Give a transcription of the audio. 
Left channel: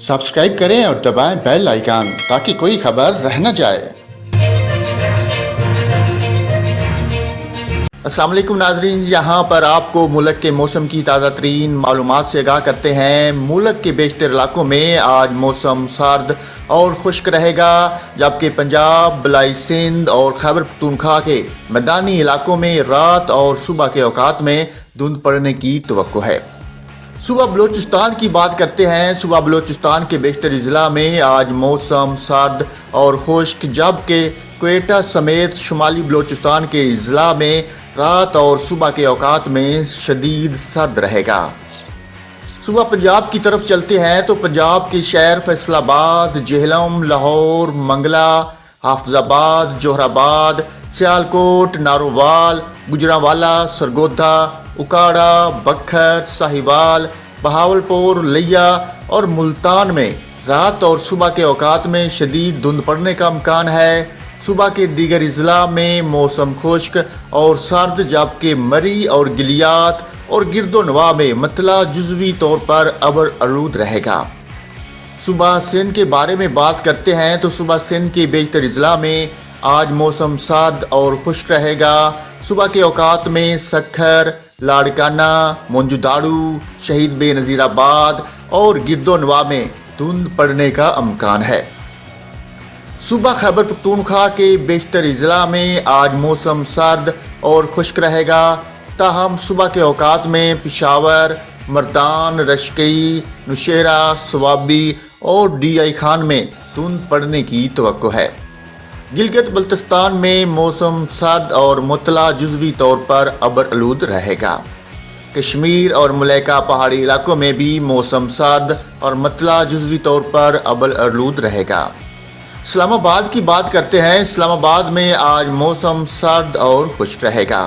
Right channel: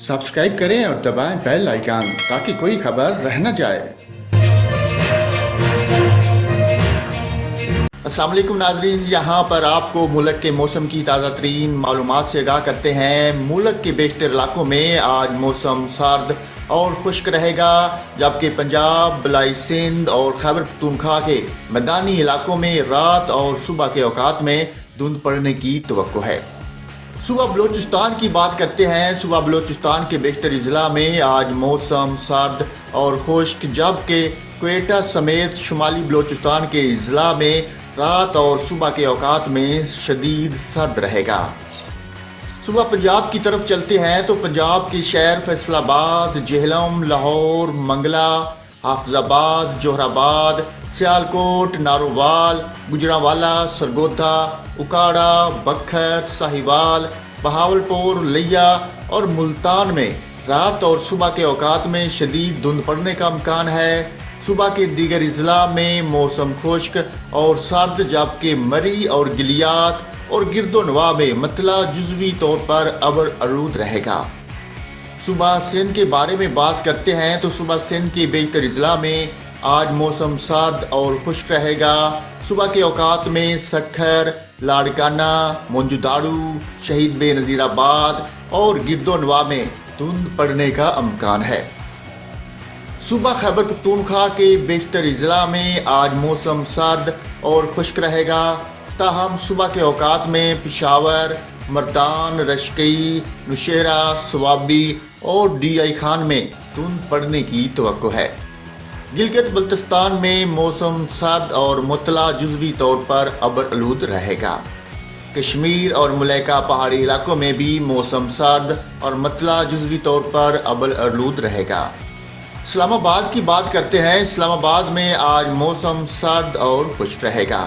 Subscribe करें और दबाएं बेल आइकन ताकि कोई खबर रह न जाए। अस्सलाम वालेकुम नाजरीन, यहाँ पर आपको मुल्क के मौसम की ताज़ा तरीन मालूमात से आगाह करते हैं। मुल्क के बेशतर इलाकों में आज मौसम सर्द और खुश्क रहेगा, जबकि पंजाब, बलाई सिंध और खैबर पख्तूनख्वा के मैदानी इलाकों में रात और सुबह के औकात में धुंध पड़ने की तवक्को है। सुबह बलूचिस्तान की बात करते हैं। सुबह बलूचिस्तान के बेशतर ज़िला में आज मौसम सर्द और खुश्क, जबकि क्वेटा समेत शुमाली बलूचिस्तान के ज़िला में रात और सुबह के औकात में शदीद सर्द रहेगा। सुबह पंजाब की तरफ चलते हैं तो पंजाब के शहर फैसलाबाद, जेहलम, लाहौर, मंगला, हाफिजाबाद, जोहराबाद, सियालकोट, नारोवाल, गुजरांवाला, सरगोधा, उकाड़ा, बखर, साहिवाल, बहावलपुर, लिया और मुल्तान में रात और सुबह के औकात में शदीद धुंध पड़ने का इम्कान है। सुबह के दीगर अजला में मौसम खुश्क और सर्द, जबकि मरी और गिलियात और गिरदोनवा में मतला जुज़वी तौर पर अबर आलूद रहेगा। सुबह सिंध के बारे में बात करते हैं तो सुबह सिंध के बेशतर अजला में आज मौसम सर्द और खुश्क रहेगा। सुबह के औकात में सखर, लाड़काना, मोंजुदाड़ू, शहीद बेनज़ीराबाद और गिरदोनवा में धुंध पड़ने का इम्कान है। सुबह खैबर पख्तूनख्वा के बेशतर अजला में आज मौसम सर्द और खुश्क रहेगा, ताहम सुबह के औकात में पेशावर, मर्दान, रशकई, नौशेरा, स्वाबी और DI खान में धुंध पड़ने की तवक्को है। गिलगित बल्तिस्तान में मौसम सर्द और मुतला जुज़वी तौर पर अबर आलूद रहेगा। कश्मीर और मलैका पहाड़ी इलाकों में भी मौसम सर्द और मुतला जुज़वी तौर पर अबर आलूद रहेगा। इस्लामाबाद की बात करते हैं। इस्लामाबाद में आज मौसम सर्द और खुश्क रहेगा।